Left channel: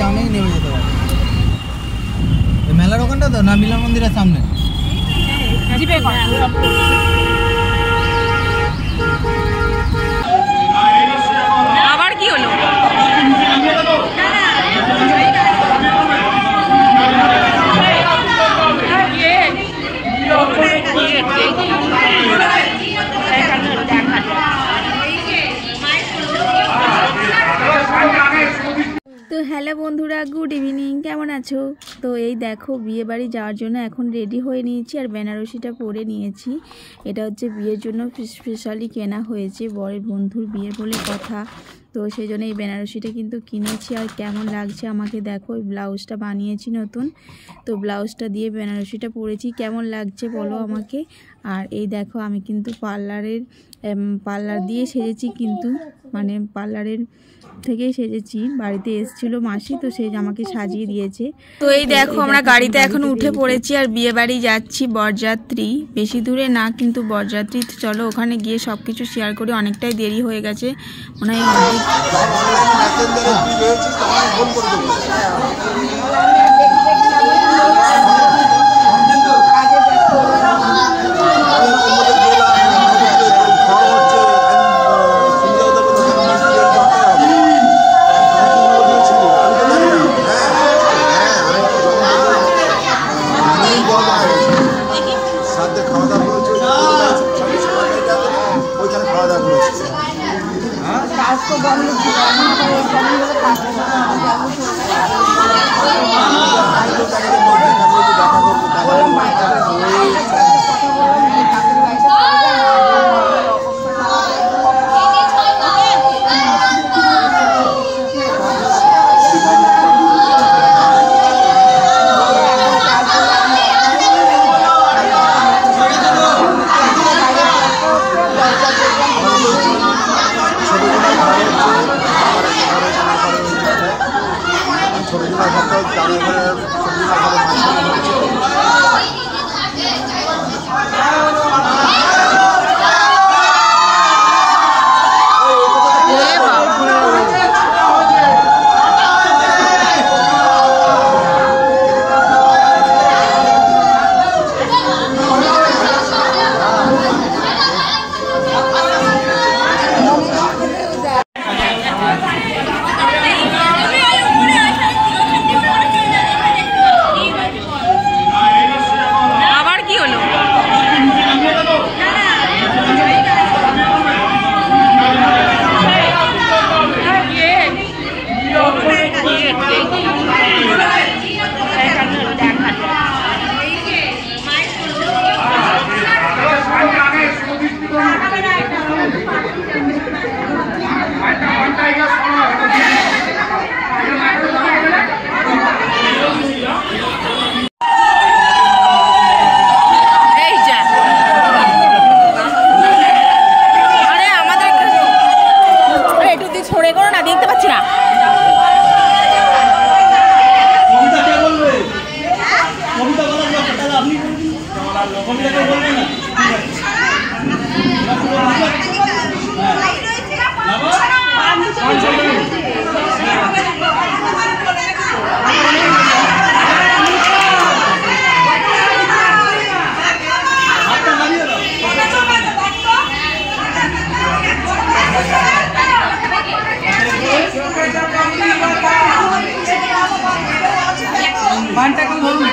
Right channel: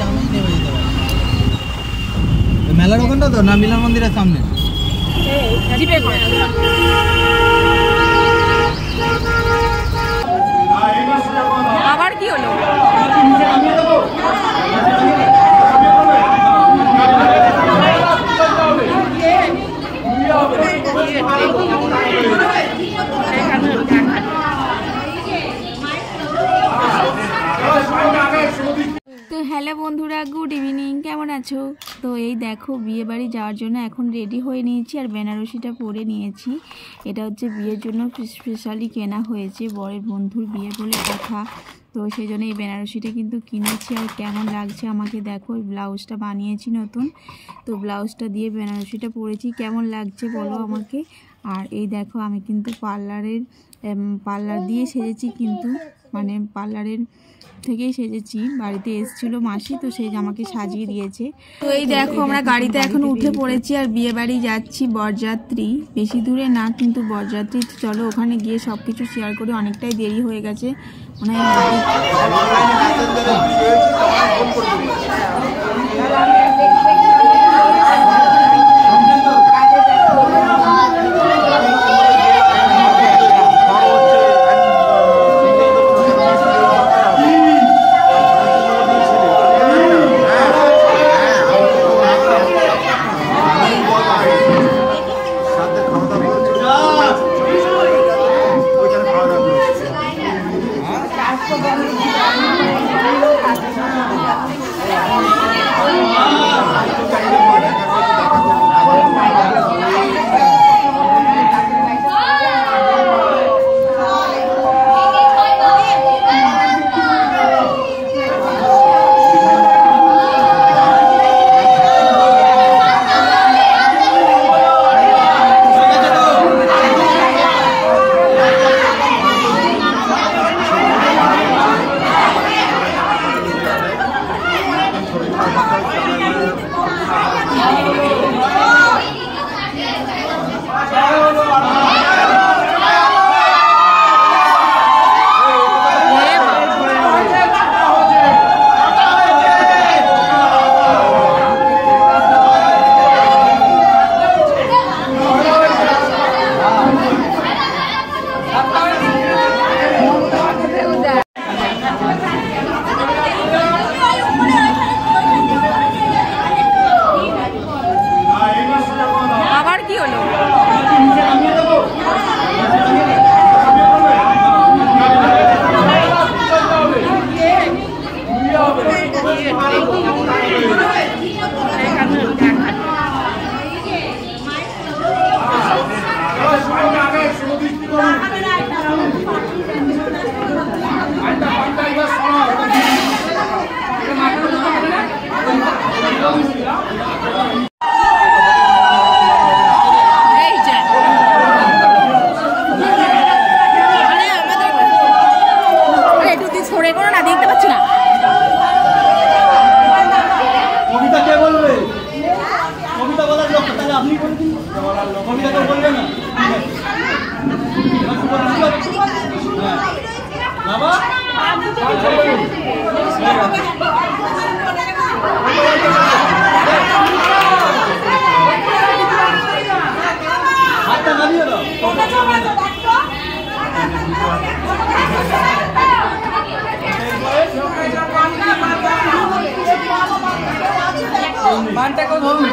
জামে নেমে যেতে হবে। মেলার ওখানটা তো না মিলন মন্দিরের সামনে জিপে কর। আবার কি হলো? তো হ্যালো বন্ধুরা, গুড ইভিনিং, কেমন আছো? তো এই দেখো বিয়ে বাড়ি যাওয়ার জন্য এখন রেডি হয়ে নিয়েছি আর বেনারসিটা পরে নিয়েছি। এটা হচ্ছে বিয়ের জন্য স্পেশালি কেনা হয়েছে, বরের বন্ধুর বিয়ে বলে কথা। তো সেই জন্য এই বেনারসিটা কিন্তু কিনেছি। আর কেমন লাগছে আমাকে দেখো, এই ব্লাউজটা বানিয়েছি নতুন, তো ব্লাউজটা দিয়ে বেনারসিটা পরেছি। কেমন লাগছে বলো আমাকে। আর এই দেখো আমি কিন্তু পার্লার দিয়ে সেজেছি, কিন্তু মানে পার্লারের থেকেই সেজেছি। বাড়িতে এসেছিল মাসি, তো সেই আমাকে সাজিয়ে দিয়েছে। তো এই দেখো আমরা গাড়িতে এখন উঠে পড়েছি আর বিয়ে বাড়ি যাচ্ছি। বরযাত্রী বেশি দূরে না, কিন্তু বরযাত্রী। তো চলো ওখানে গিয়ে সব কিছু শেয়ার করি। অনেকটাই দেরি হয়ে গেছে মনে হয়। দেখতে পাচ্ছি না। কবিতা কে বলবে? কবিতা বলার লোক তাহলে আপনি বলবেন। কবিতা কেউ বলবে না? হ্যাঁ বাবা হাতটা নামিয়ে দাও। মানটা কেউ ধরুন।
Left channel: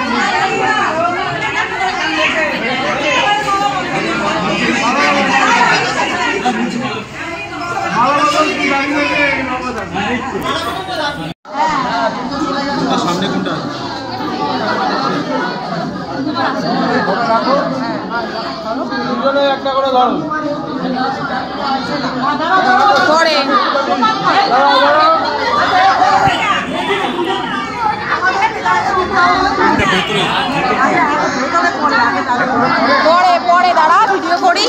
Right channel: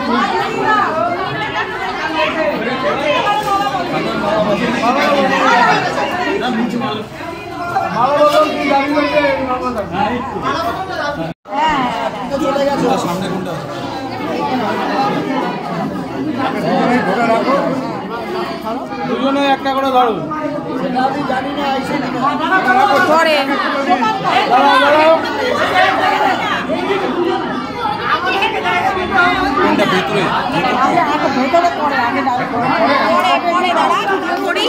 সামনে কোনটা? দুজনে একটা করে ধরো। পরে পরে দাঁড়া ভিডিও করি।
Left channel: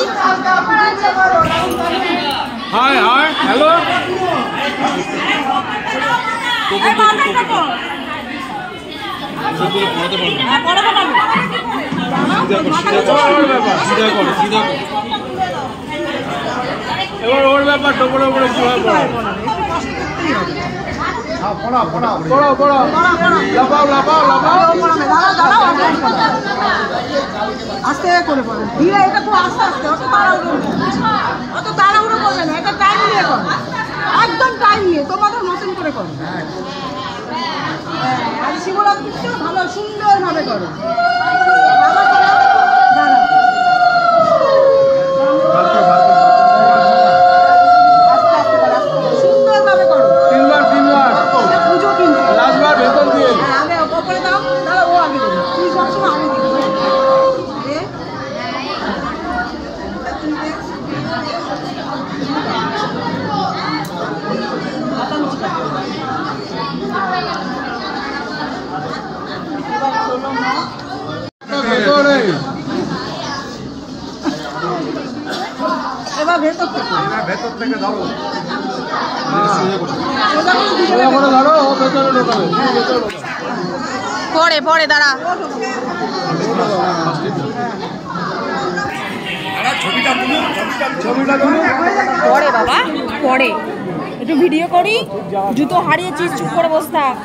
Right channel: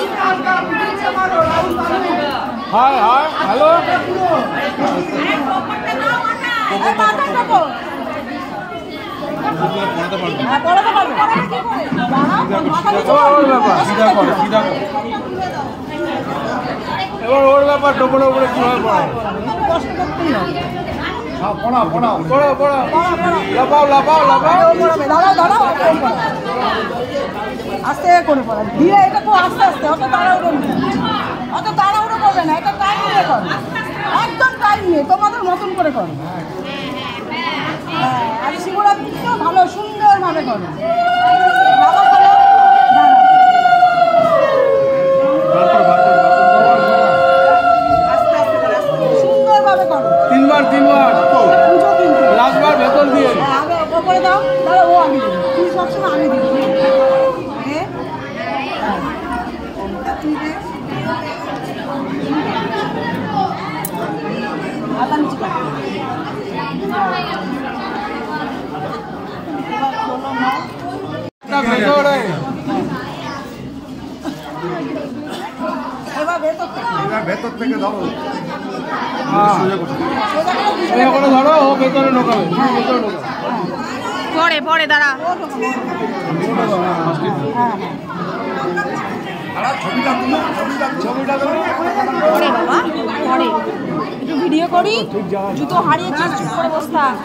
High hi hello. সিধা কর। এবার ওর ব্যাপার ডবল আস্তে করে পড়া ধীরে, এটা খুব আস্তে আস্তে, অত তাড়াহুড়ো করবে না, এটা টাইম নিয়ে করো, একদম টাইম নিয়ে তোমাদের মতন করে করো। আর শিবরাত্রিটাও ভালো সুন্দরভাবে করো। আস্তে আস্তে করো, আস্তে সুন্দরভাবে করো। পুজো কিন্তু আমি ওপরে দাও, দাঁড়া ও আমি দিই, তুই সবসময় আমি দিই। এবার ভেতর থেকে ধরো, পরে পরে দাঁড়া। পরে বাবা পরে একটু ভিডিও করি, জুতো হারিয়েছিস, চুপ করে বস থাক।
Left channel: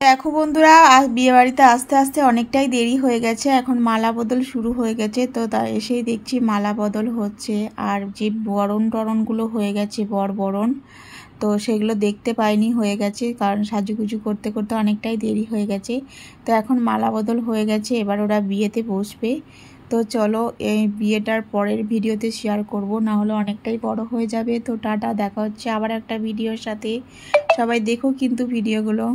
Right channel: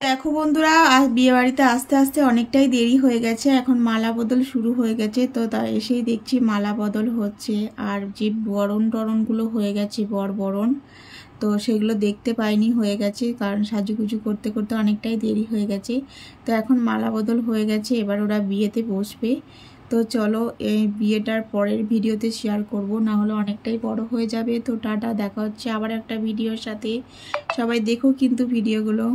দেখো বন্ধুরা, বিয়ে বাড়িতে আস্তে আস্তে অনেকটাই দেরি হয়ে গেছে, এখন মালা বদল শুরু হয়ে গেছে। তো তা এসেই দেখছি মালা বদল হচ্ছে, আর যে বরণ টরণগুলো হয়ে গেছে, বরণ, তো সেগুলো দেখতে পাইনি, হয়ে গেছে, কারণ সাজুগুজু করতে করতে অনেকটাই দেরি হয়ে গেছে। তো এখন মালা বদল হয়ে গেছে, এবার ওরা বিয়েতে বসবে। তো চলো এই বিয়েটার পরের ভিডিওতে শেয়ার করব, না হলে অনেকটাই বড় হয়ে যাবে। তো টাটা, দেখা হচ্ছে আবার একটা ভিডিওর সাথে। সবাই দেখো কিন্তু ভিডিওগুলো।